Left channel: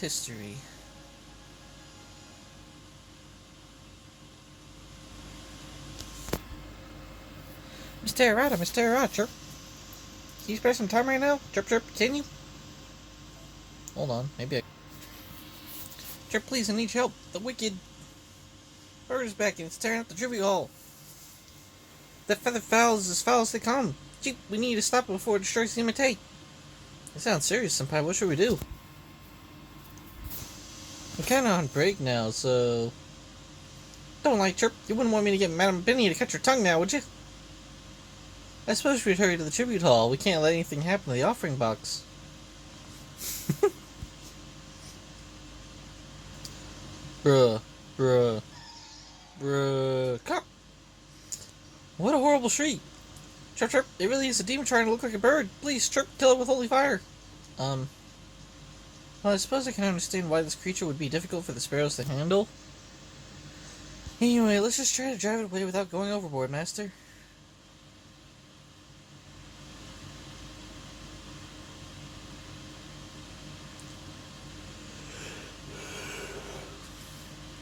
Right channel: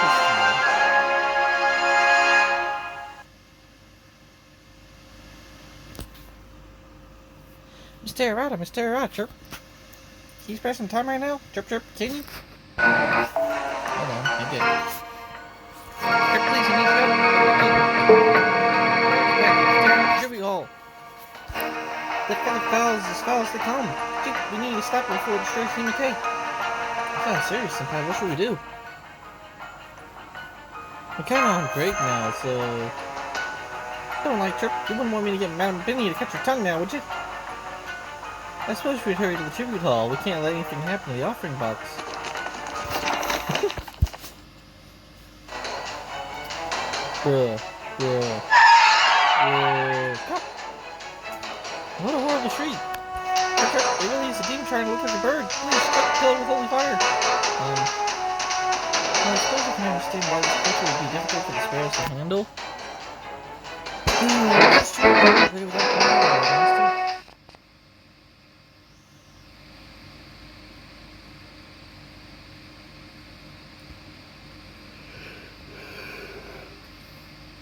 history. Mr. Arata, chirp. Can you spare some time right now? Chirp, chirp, can you? Hold on, I did. Chirp, please, I need help. The wicked. Where's back? It's tearing up the tribute hall. The feather fowls as foul as they come. Chief, we need to stop it before it destroys Team Tate. That sounds serious, Senpai. What should we do? I'm kinda on break now, so... Don't like Chirp. You wouldn't want me to get Madame Benny to catch her tongue now, would you? I suppose we'd hurry to the tribute hall. We can't let anything happen to the offering box. Bruh. Cut. What a horrible shriek. Chirp, chirp, it really is a demon trying to look like a bird. Please, Chirp, kill it with holy fire. Well, I suppose I can understand why this creature would be difficult for the sparrows to handle. Anyway, what's this strange to play without going overboard, Master?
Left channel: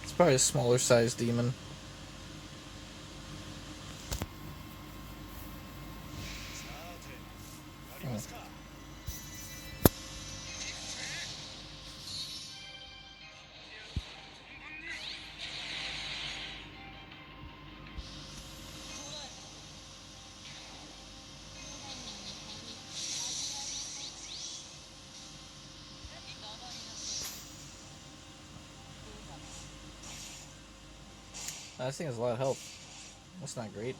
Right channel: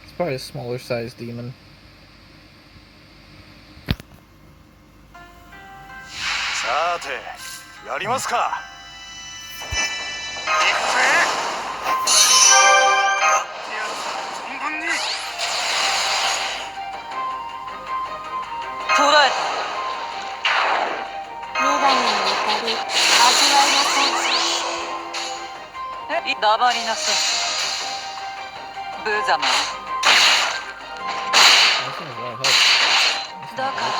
It's probably a smaller sized demon. That seems a lot of help. That's not great.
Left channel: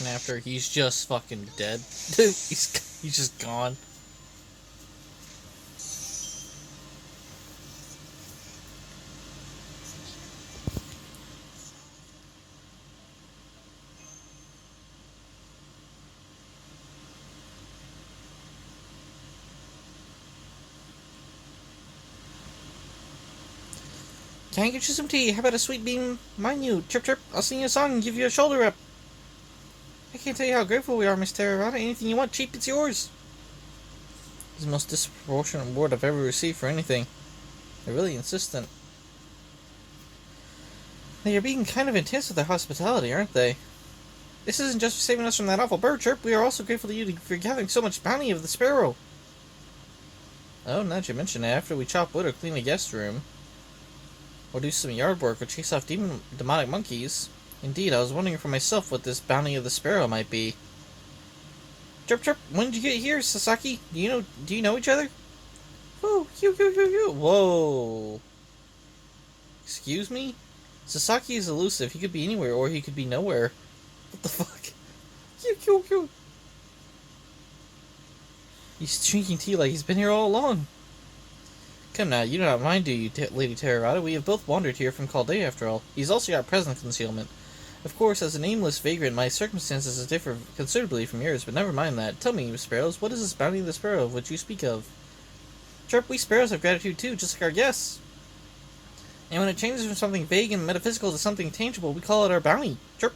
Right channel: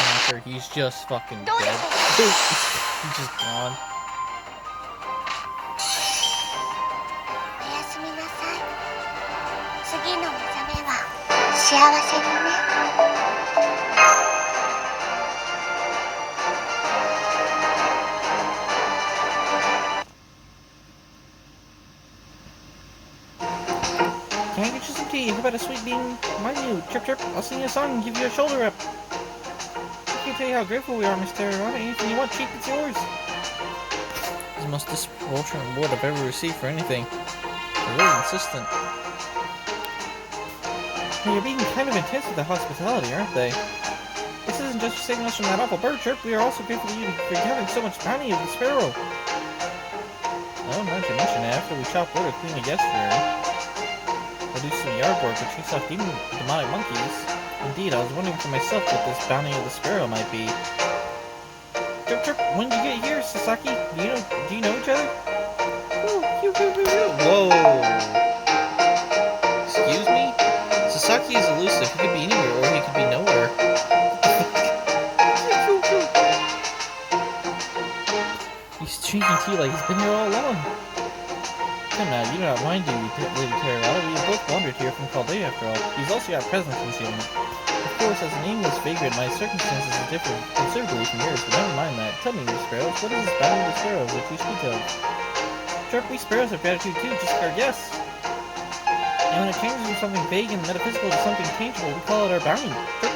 After he's just fucking dead. He's just gone. Can I get you some tea? How about a sweet bean? Mind you, Chirp Chirp, I'll sing you a song and give you a shoulder rub. I can't tell you how grateful we are, Miss Terrorata. Anything you want, cheap, it's yours. This is the most disproportionate reward I've ever received for anything. They're really insistent. They're being kind of intense with their hospitality, aren't they? This isn't just for saving us from that awful bird, Chirp. We are also grateful to you for having so much bounty of the sparrow. Oh, now that you mention it, after we chop wood or clean the guest room, or do some yard work or chase off demonic monkeys. Indeed, I was wondering for myself what this bounty of the sparrow might be. Chirp, Chirp, when did you get here, Sasaki? Do you know each other? Whoa! Excuse me? Sasaki is elusive. He could be anywhere, or he could be nowhere. What the fuck? He's drinking tea like he's been here all along. Come now, you do not mind, do you, Lady Terragata? We have both wandered here from Chaldea, after all. He's also got presence concealment. Of course, as an aimless vagrant, my circumstances differ considerably from yours, but never mind that. Tell me, you sparrows, what is this bounty of the sparrow of which you speak of? Chirp, we sparrows have gratitude too, just like our guests. And when it changes from something vague and metaphysical to something tangible, we call it our bounty. Chirp.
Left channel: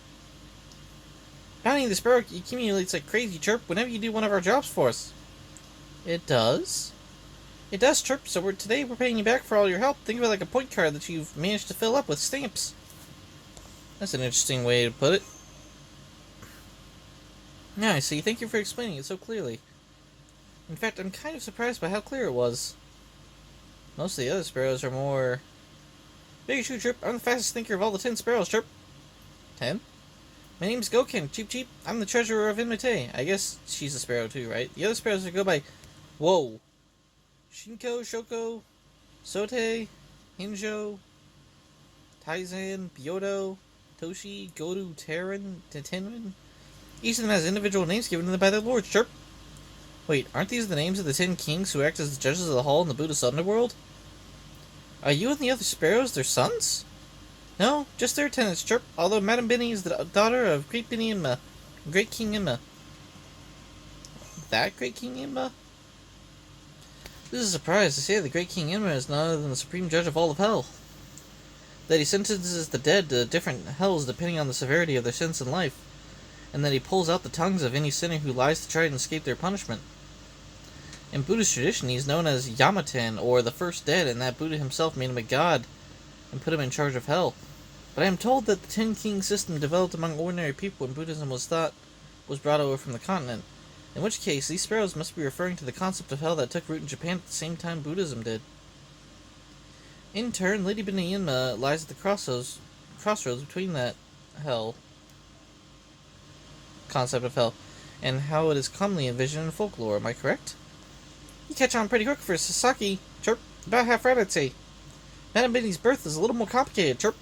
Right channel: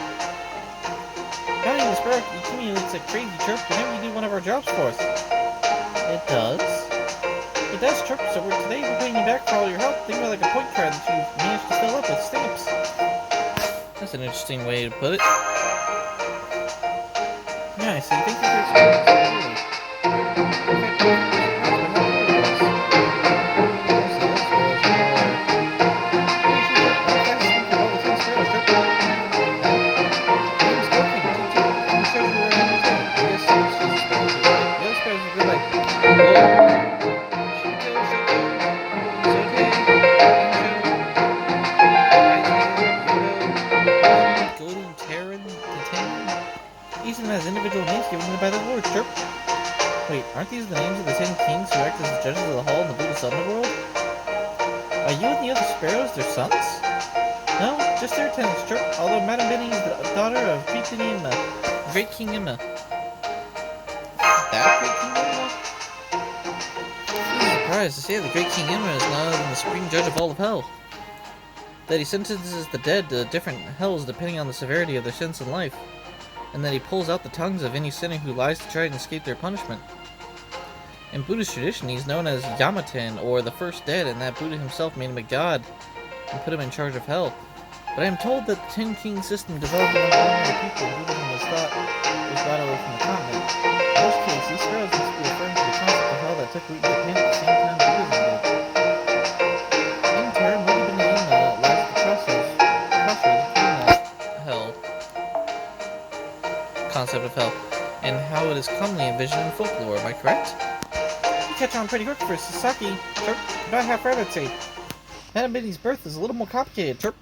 Bounty of the sparrow accumulates like crazy, Chirp, whenever you do one of our jobs for us. It does? It does, Chirp, so today we're paying you back for all your help. Think of it like a point card that you've managed to fill up with stamps. That's an interesting way to put it. Yeah, I see. Thank you for explaining it so clearly. In fact, I was really surprised by how clear it was. Most of the other sparrows are more... Hey, shoot, Chirp. I'm the fastest thinker of all the 10 sparrows, Chirp. 10? My name's Gokin. Cheep Cheep. I'm the treasurer of Imite. I guess she's a sparrow too, right? The other sparrows are go by... Whoa. Shoko, Sote, Injo, Aizen, Yodo, Toshi, Godu, Terran, Titen. Each of them has individual names given to them by their lord, Chirp. Wait, aren't these the names of the 10 kings who act as the judges of the hall in the Buddhist underworld? Are you and the other sparrows their sons? No, just their attendants, Chirp, although Madame Benny is the daughter of Great Benny Imma, Great King Imma. That Great King Imma? This is a surprise to say the Great King Imra is none other than the supreme judge of all of hell. That he sentences the dead to different hells depending on the severity of their sins in life, and that he pulls out the tongues of any sinner who lies to try and escape their punishment. In Buddhist tradition, he is known as Yamaten, or the first dead, and that Buddha himself made him a god and put him in charge of hell. But I am told that the 10 king system developed among ordinary people and Buddhism was brought over from the continent. In which case, these sparrows must be referring to the concept of hell that took root in Japan at the same time Buddhism did. In turn, Lady Benaima lies at the crossroads between that hell, concept of hell, and how it is commonly envisioned in folklore. Am I correct? You catch on pretty quick for Sasaki, Chirp. About half right, I'd say. Madame Benny's birth is a little more complicated, Chirp.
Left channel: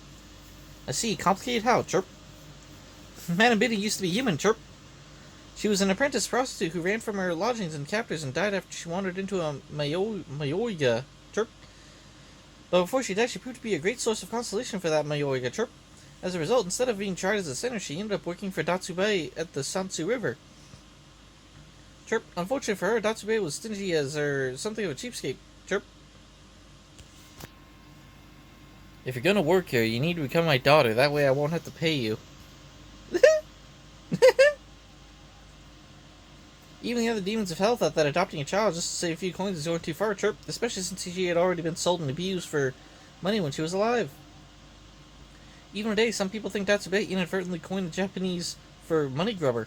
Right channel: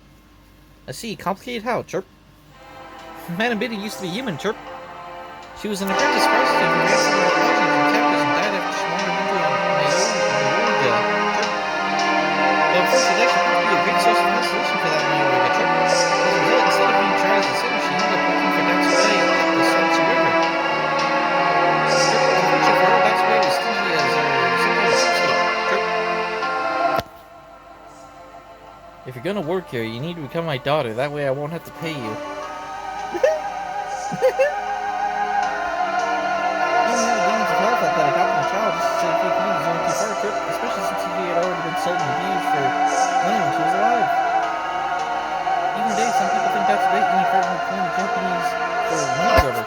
I see. Complicated how, Chirp? Madame Benny used to be human, Chirp. She was an apprentice prostitute who ran from her lodgings and captors and died after she wandered into a Mayorga, Chirp. But before she died, she proved to be a great source of consolation for that Mayorga, Chirp. As a result, instead of being tried as a sinner, she ended up working for Datsue at the Sansu River. Chirp. Unfortunately for her, Datsue was stingy as something of a cheapskate, Chirp. If you're gonna work here, you need to become my daughter. That way I won't have to pay you. Even the other demons of hell thought that adopting a child just to save a few coins is going too far, Chirp, especially since she had already been sold and abused for money when she was alive. Even today, some people think that's a bait inadvertently claimed the Japanese for money grubber.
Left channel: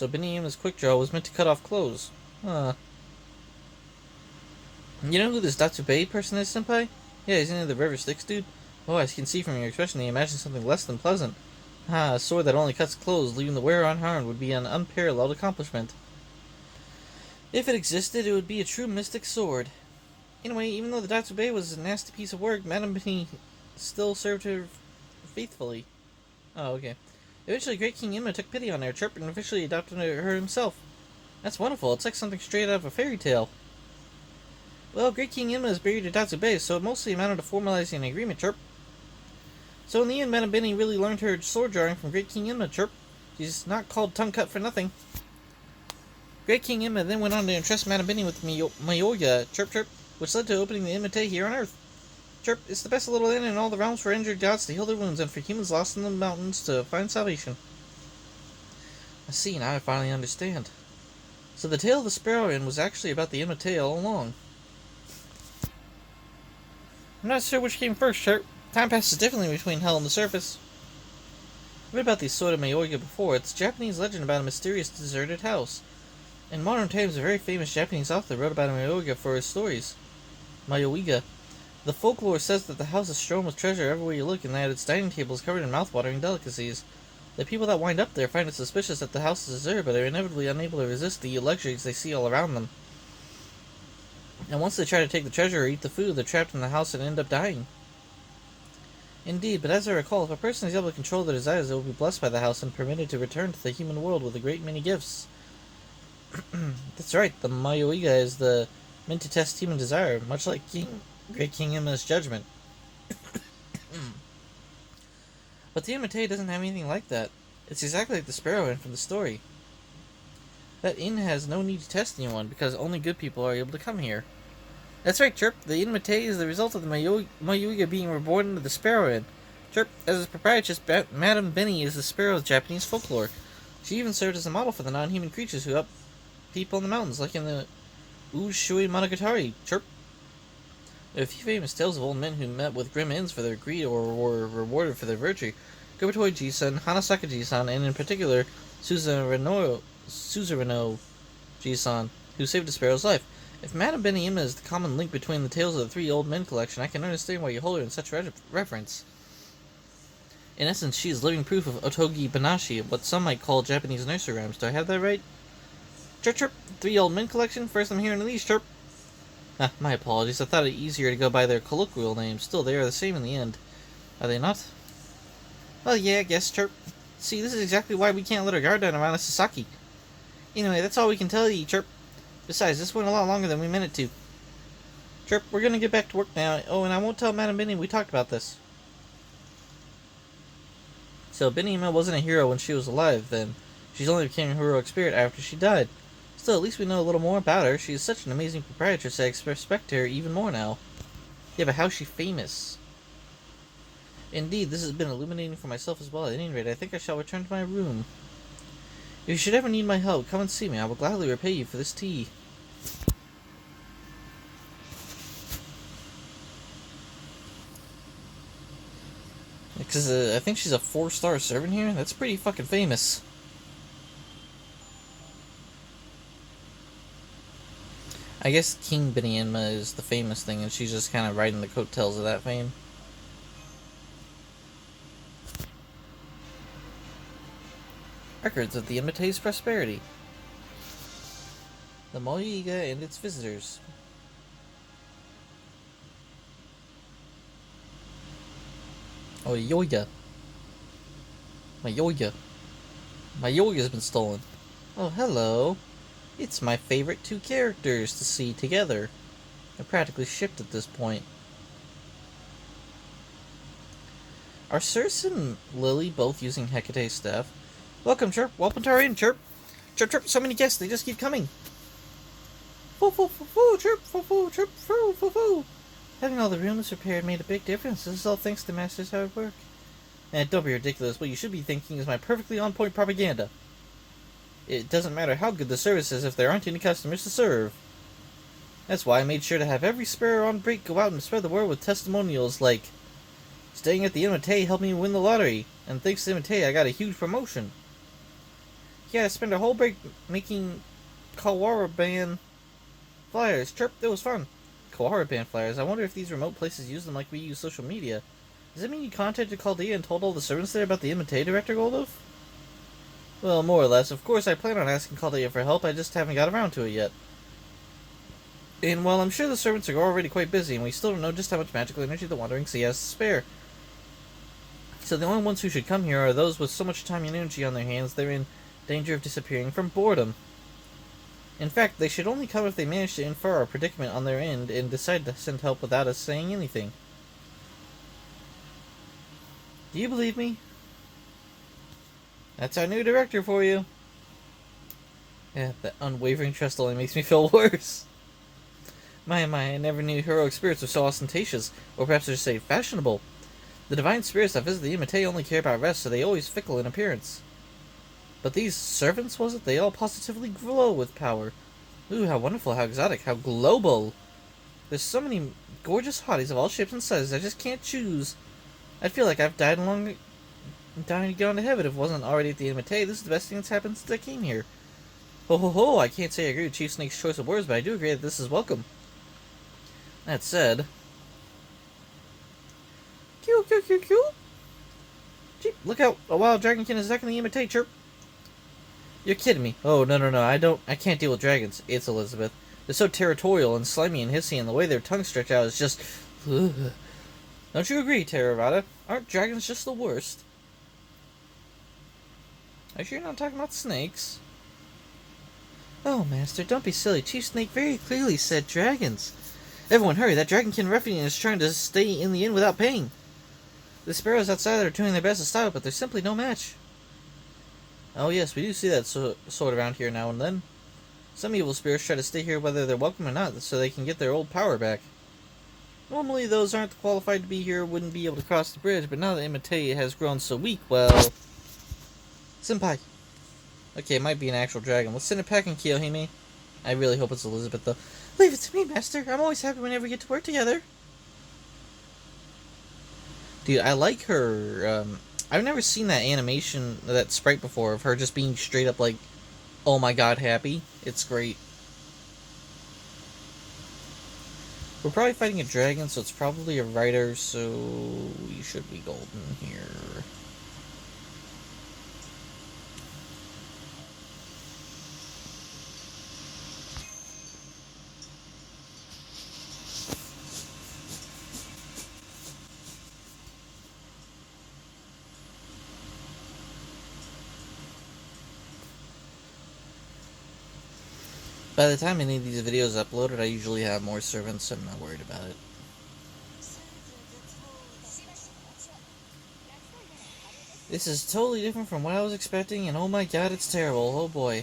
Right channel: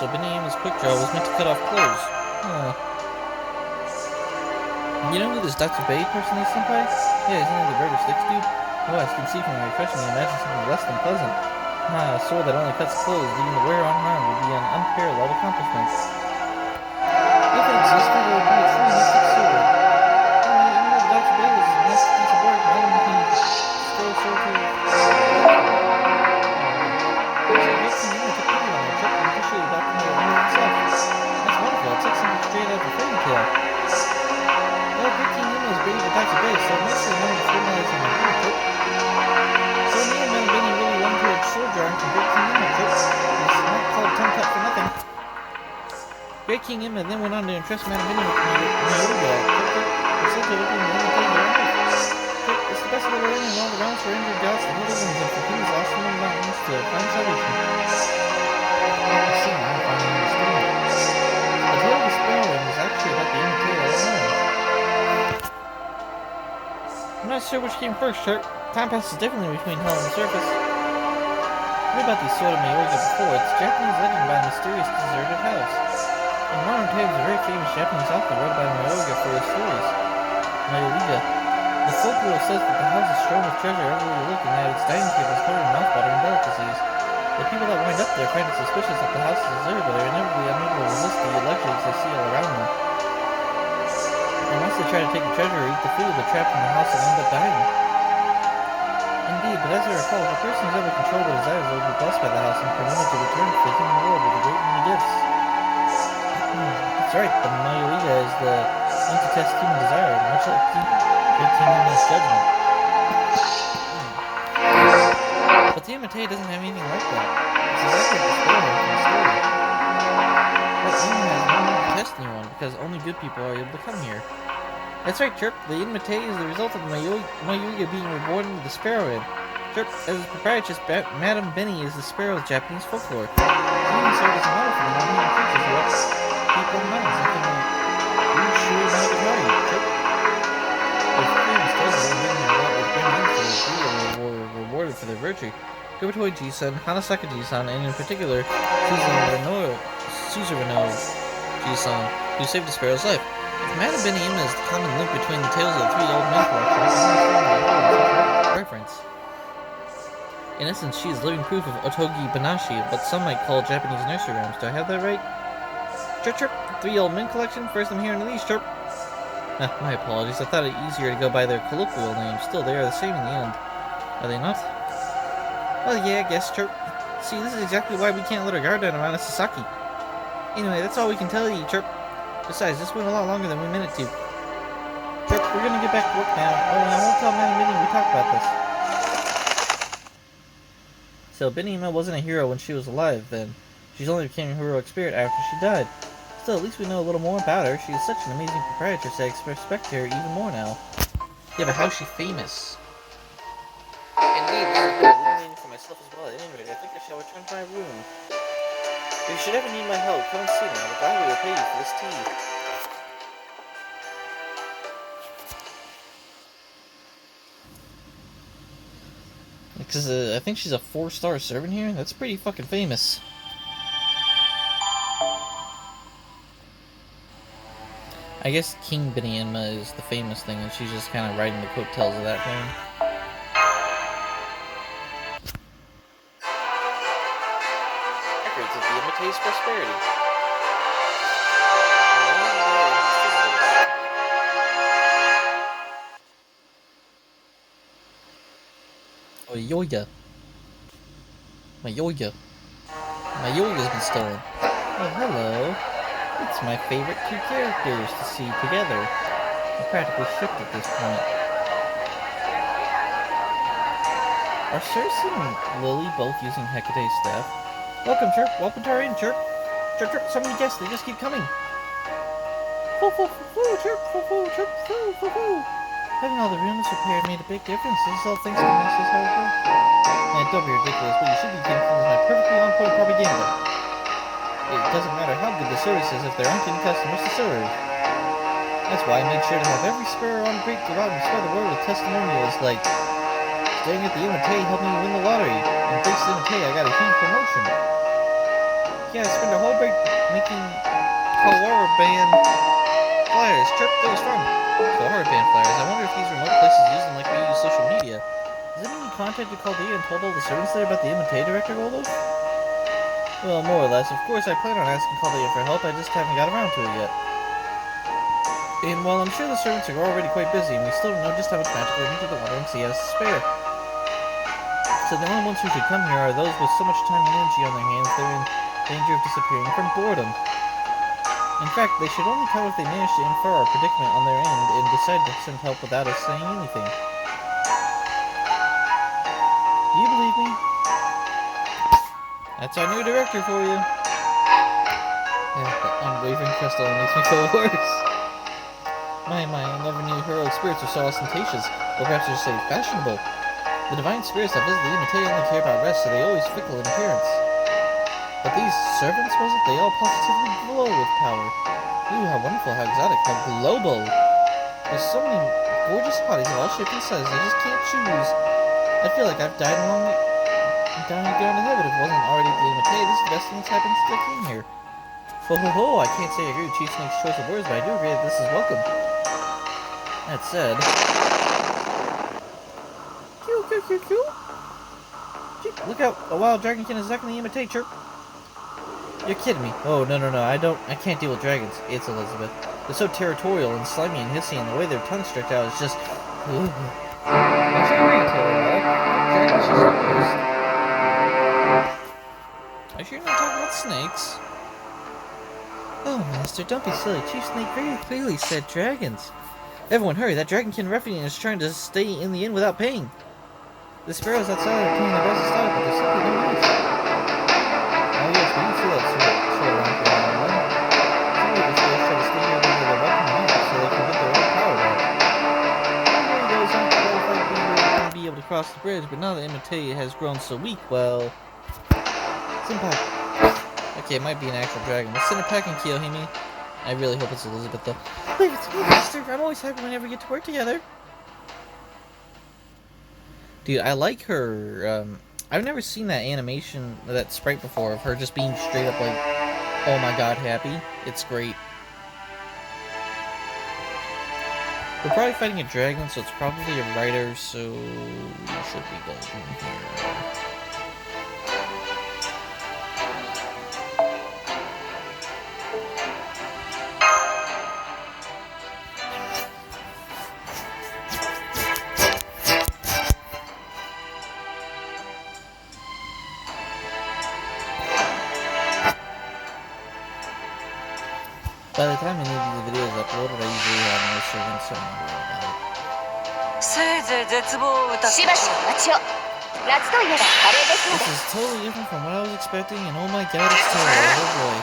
So Benny-Yama's quick draw was meant to cut off clothes. Huh. You know who this Datsube person is, Senpai? Yeah, isn't he the River Styx dude? Oh, I can see from your expression you imagine something less than pleasant. Ah, a sword that only cuts clothes, leaving the wearer unharmed, would be an unparalleled accomplishment. If it existed, it would be a true mystic sword. Anyway, even though the Datsube was a nasty piece of work, Madame Benny still served her faithfully. Oh, okay. Eventually, Great King Imra took pity on her, Chirp, and officially adopted her himself. That's wonderful. It's like something straight out of a fairy tale. Well, Great King Imra is buried at Datsube, so it mostly amounted to formalizing an agreement, Chirp. So in the end, Madame Benny really wanted her sword drawing from Great King Imra, Chirp. He's not called Tongue Cut for nothing. Great King Imra then went on to entrust Madame Benny with Mayorga, Chirp, which led to opening the Imite here on Earth. Chirp, it's the best little inn in all the realms for injured gods to heal their wounds and for humans lost in the mountains to find salvation. I see, now I finally understand. So the tale of the Sparrow Inn was actually about the Imite all along. I'm not sure which came first, Chirp. Time passes differently between hell and the surface. Read about these sort of Mayoiga before. It's a Japanese legend about a mysterious deserted house. In modern times, a very famous Japanese author wrote about Mayoiga for his stories. Mayoiga. The folklore says that the house is strewn with treasure everywhere you look and that its dining table is covered in mouth-watering delicacies. The people that wind up there find it suspicious that the house is deserted, but are inevitably unable to resist the luxuries they see all around them. And once they try to take the treasure or eat the food, they're trapped in the house and end up dying. Indeed, but as I recall, if a person is able to control their desires, they will be blessed by the house and permitted to return to the human world with a great many gifts. That's right, the Mayoiga is the link to test human desire, much like Great King Emma's judgment. But the Imite doesn't have anything like that. It's exactly like the Sparrow from the story. That inn has no need to test anyone, because only good people are able to come here. That's right, Chirp. The Imite is the result of the Mayoiga being reborn into the Sparrow Inn. Chirp, as its proprietress, Madame Benny is the Sparrow of Japanese folklore. She even served as a model for the non-human creatures who help people in the mountains, like in the Ushui Monogatari. Chirp. With famous tales of old men who met with grim ends for their greed or were rewarded for their virtue. Gobitoy Jisan, Hanasaka Jisan, and in particular, Suzurano Jisan, who saved a sparrow's life. If Madame Benihima is the common link between the tales of the three old men collection, I can understand why you hold in such reverence. In essence, she is living proof of Otogi Banashi, what some might call Japanese nursery rhymes. Do I have that right? Chirp chirp, three old men collection, first I'm hearing of these, chirp. My apologies, I thought it easier to go by their colloquial names. Still, they are the same in the end. Are they not? Well, yeah, I guess, chirp. See, this is exactly why we can't let our guard down around Sasaki. Anyway, that's all we can tell you, chirp. Besides, this went a lot longer than we meant it to. Chirp, we're gonna get back to work now. Oh, and I won't tell Madame Benny we talked about this. So, Benihima wasn't a hero when she was alive, then. She's only became a heroic spirit after she died. Still, at least we know a little more about her. She is such an amazing proprietress, I respect her even more now. Yeah, but how's she famous? Indeed, this has been illuminating for myself as well. At any rate, I think I shall return to my room. If you should ever need my help, come and see me. I will gladly repay you for this tea. Because I think she's a 4-star servant here. That's pretty fucking famous. I guess King Benihima is the famous thing, and she's just kind of riding the coattails of that fame. Records of the Imite's prosperity. Mayoiga and its visitors. Oh, Mayoiga. Mayoiga's been stolen. Oh, hello. It's my favorite two characters to see together. They're practically shipped at this point. Are Cersei and Lily both using Hecate's staff? Welcome, Chirp. Welcome to our inn, Chirp. Chirp, Chirp, so many guests, they just keep coming. Foo, foo, foo, foo, Chirp, foo, foo, Chirp, foo, foo, foo. Having all the rooms repaired made a big difference. This is all thanks to Master's hard work. And don't be ridiculous. What you should be thinking is my perfectly on-point propaganda. It doesn't matter how good the service is if there aren't any customers to serve. That's why I made sure to have every sparrow on break go out and spread the word with testimonials like, staying at the Imite helped me win the lottery, and thanks to Imite I got a huge promotion. Yeah, I spent a whole break making Kawara band flyers. Chirp, that was fun. Kawara band flyers. I wonder if these remote places use them like we use social media. Does that mean you contacted Chaldea and told all the servants there about the Imite Director Goldo? Well, more or less. Of course, I plan on asking Chaldea for help, I just haven't got around to it yet. And while I'm sure the servants are already quite busy, and we still don't know just how much magical energy the Wandering Sea has to spare. So the only ones who should come here are those with so much time and energy on their hands they're in danger of disappearing from boredom. In fact, they should only come if they manage to infer our predicament on their end and decide to send help without us saying anything. Do you believe me? That's our new director for you. Yeah, that unwavering trust only makes me feel worse. My, I never knew heroic spirits were so ostentatious, or perhaps I should say fashionable. The divine spirits that visit the Imite only care about rest, so they always fickle in appearance. But these servants, was it? They all positively glow with power. Ooh, how wonderful, how exotic, how global. There's so many gorgeous bodies of all shapes and sizes, I just can't choose. I feel like I've died down and gone to heaven if it wasn't already at the end of my day. This is the best thing that's happened since I came here. Ho ho ho, I can't say I agree with Chief Snake's choice of words, but I do agree that this is welcome. That said... Cue, cue, cue, cue! Gee, look out, a wild dragonkin is attacking the Imite, chirp. You're kidding me. Oh, no, I can't deal with dragons. It's Elizabeth. They're so territorial and slimy and hissy, and the way their tongues stretch out is just... Ugh. Don't you agree, Terravada? Our dragon's just the worst. Are you sure you're not talking about snakes? Oh, Master, don't be silly. Chief Snake very clearly said dragons. Everyone hurry, that dragonkin ruffian is trying to stay in the inn without paying. The sparrows outside are doing their best to stop it, but there's simply no match. Oh yes, we do see that sort around here now and then. Some of the spirits try to stay here whether they're welcome or not, so they can get their old power back. Normally those aren't qualified to be here wouldn't be able to cross the bridge, but now that Imite has grown so weak, well... Senpai. Okay, it might be an actual dragon. Let's send it back and kill Hime. I really hope it's Elizabeth, though. Leave it to me, Master. I'm always happy whenever we get to work together. Dude, I like her. I've never seen that animation, that sprite before, of her just being straight up like, oh my god, happy. It's great. We're probably fighting a dragon, so it's probably a rider, so we should be golden here. By the time any of these videos uploaded, I usually have more servants, so I'm not worried about it. This is totally different from what I was expecting, and oh my god, it's terrible. Oh boy.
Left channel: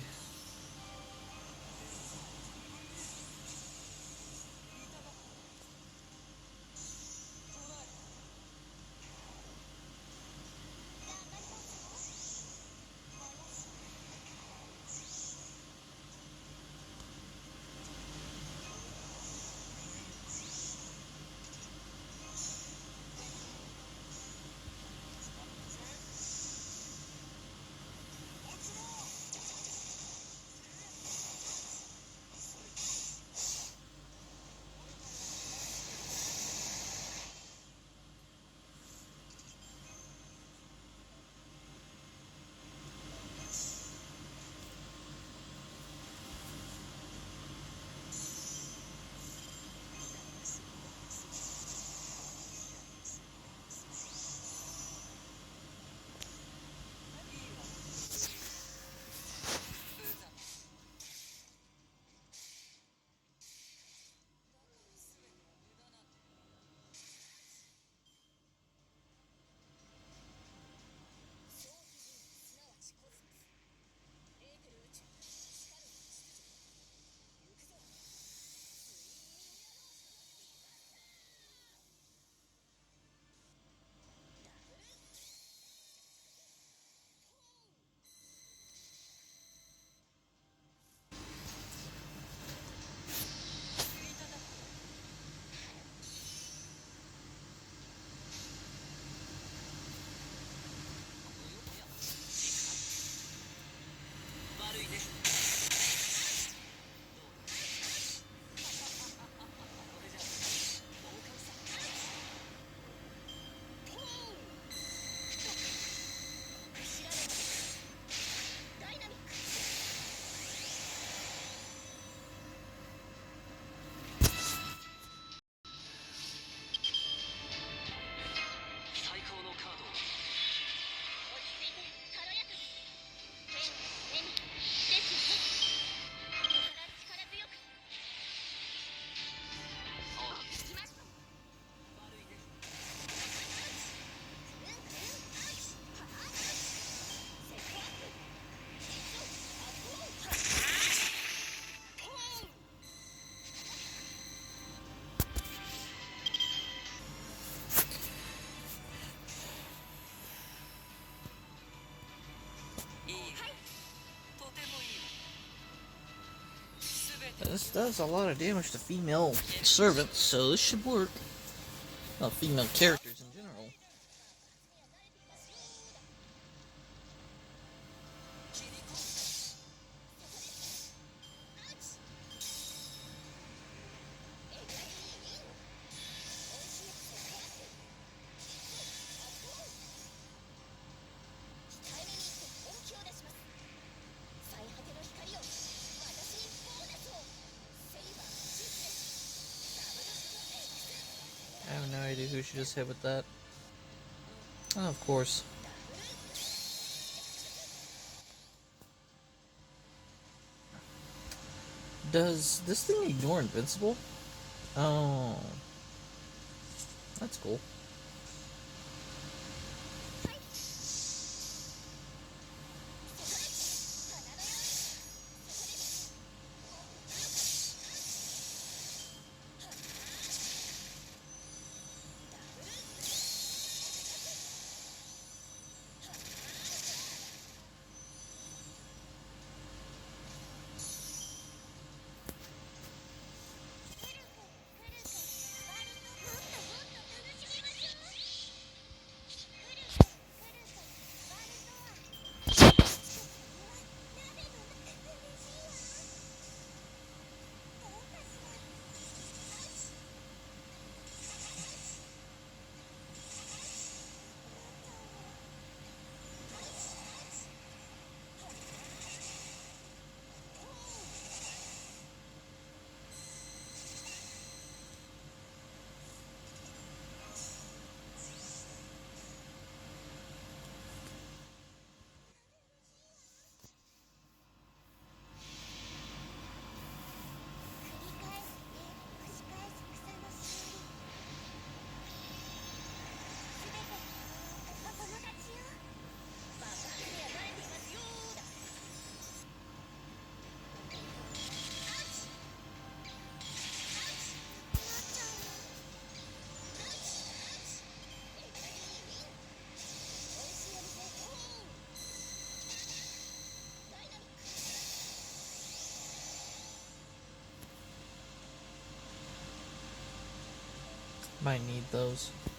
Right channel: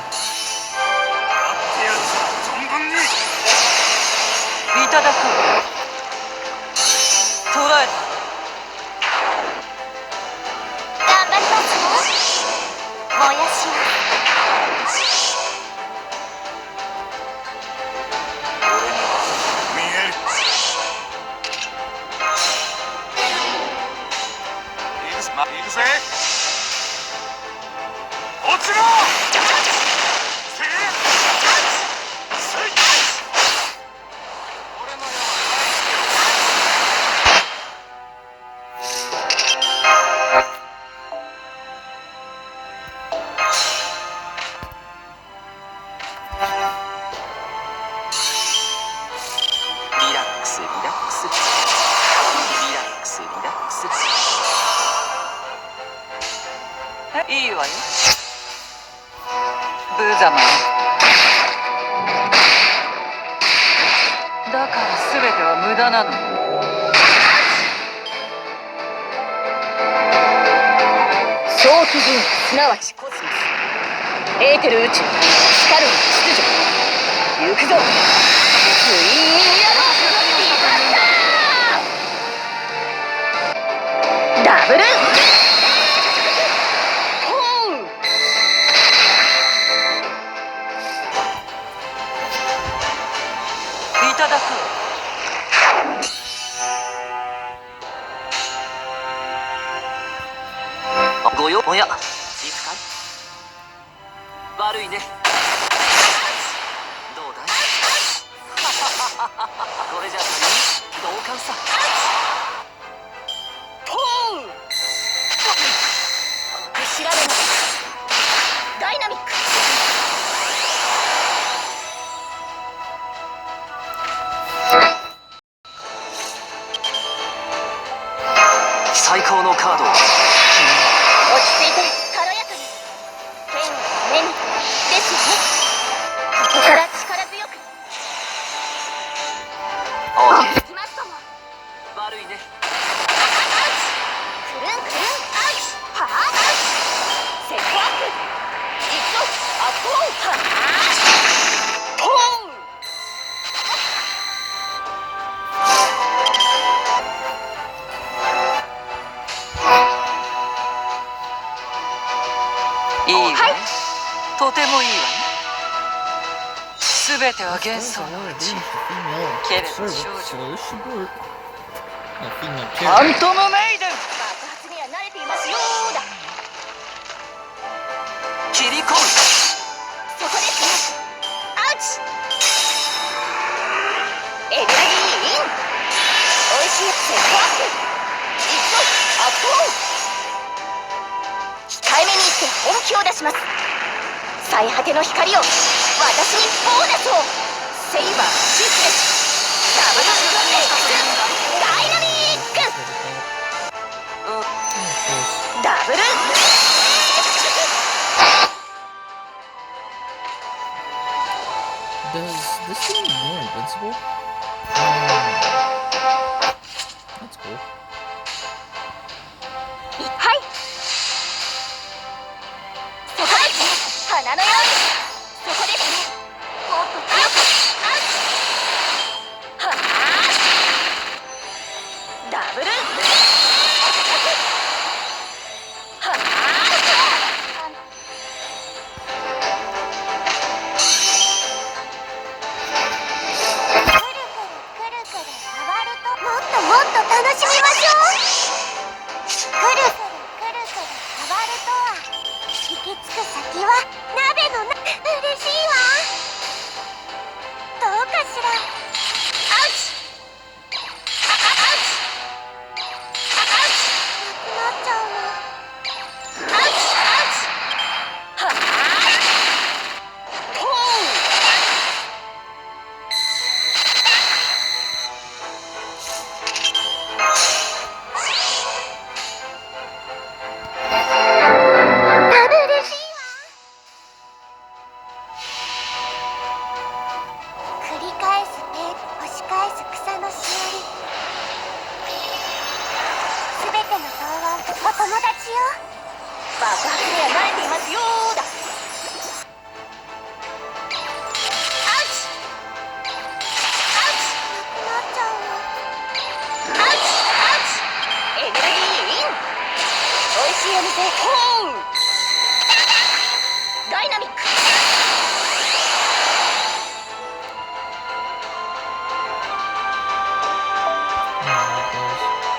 ては This 幻 does 想 a の lot う of ち damage to female Get it, servants, so this should work. Oh, female フ character. ァントムメイデン爆発には慣れていますよーだ。切り込むそこですね。アウチ。エネルギーイン。おいしいセットアップ。一度アップオン。控えめに言って本気を出します。最果ての光を私にボーナスを。セイバーシステムダブルエクスダイナミック Just like that. Oh, of course. ダブル Does this thing more invincible? That's cool. はい。そこですね。花のように。そこですね。もっと強く。はあ。ダブル。はあ。くるくるくるくる回るともっともっと楽しみましょう。くるくるくるくる回るとは行き着く先は鍋のな。嬉しいわ。どうかしら。アウチ。アウチ。アウチ。なくなっちゃうの。アウチアウチ。はあ。ほう。ダブルシーは繰り返す手押し返す草のしおり。すべての答案お友達よ。爆発には慣れていますよーだ。アウチ。アウチ。なくなっちゃうの。アウチアウチ。エネルギーイン。おいしいお店ホーン。ダイナミック。Yeah, it does.